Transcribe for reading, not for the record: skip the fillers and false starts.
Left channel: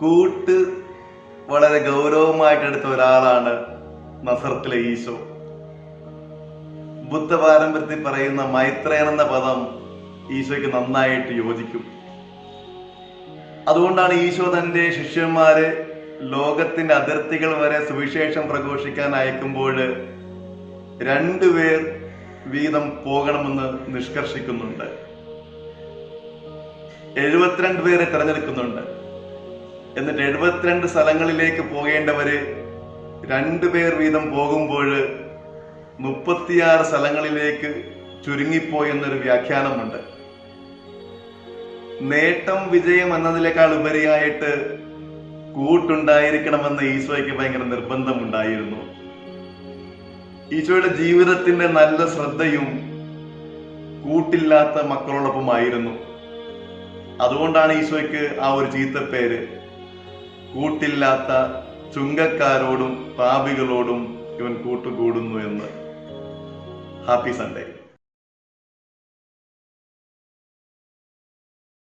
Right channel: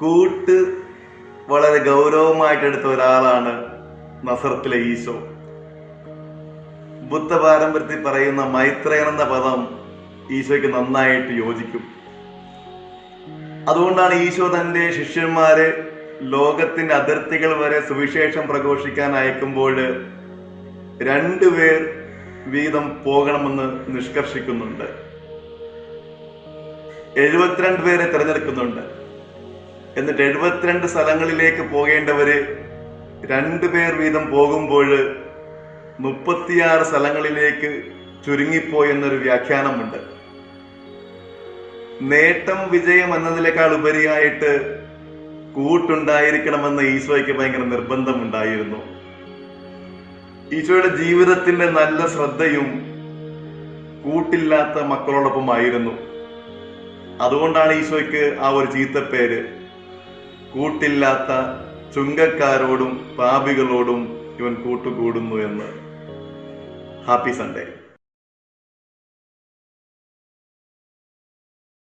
കൂട്ട് വളരെ ഗൗരവമായിട്ടെടുത്ത ഒരാളാണ് നസറത്തിലെ ഈശോ. ബുദ്ധ പാരമ്പര്യത്തിൽ പറയുന്ന മൈത്രേയൻ എന്ന പദം ഈശോയ്ക്ക് നന്നായിട്ട് യോജിക്കും. അതുകൊണ്ടാണ് ഈശോ തൻ്റെ ശിഷ്യന്മാരെ ലോകത്തിന്റെ അതിർത്തികൾ വരെ സുവിശേഷം പ്രഘോഷിക്കാൻ അയക്കുമ്പോൾ 2 പേർ വീതം പോകണമെന്ന് നിഷ്കർഷിക്കുന്നുണ്ട്. 72 പേരെ തിരഞ്ഞെടുക്കുന്നുണ്ട്. എന്നിട്ട് 72 സ്ഥലങ്ങളിലേക്ക് പോകേണ്ടവര് 2 പേർ വീതം പോകുമ്പോൾ 36 സ്ഥലങ്ങളിലേക്ക് ചുരുങ്ങിപ്പോയി എന്നൊരു വ്യാഖ്യാനമുണ്ട്. നേട്ടം വിജയം എന്നതിനേക്കാൾ ഉപരിയായിട്ട് കൂട്ടുണ്ടായിരിക്കണമെന്ന് ഈശോയ്ക്ക് ഭയങ്കര നിർബന്ധമുണ്ടായിരുന്നു. ഈശോയുടെ ജീവിതത്തിന്റെ നല്ല ശ്രദ്ധയും കൂട്ടില്ലാത്ത മക്കളോടൊപ്പമായിരുന്നു. അതുകൊണ്ടാണ് ഈശോയ്ക്ക് ആ ഒരു ചീത്തപ്പേര്, കൂട്ടില്ലാത്ത ചുങ്കക്കാരോടും പാപികളോടും ഇവൻ കൂട്ടുകൂടുന്നു എന്ന്. Happy Sunday.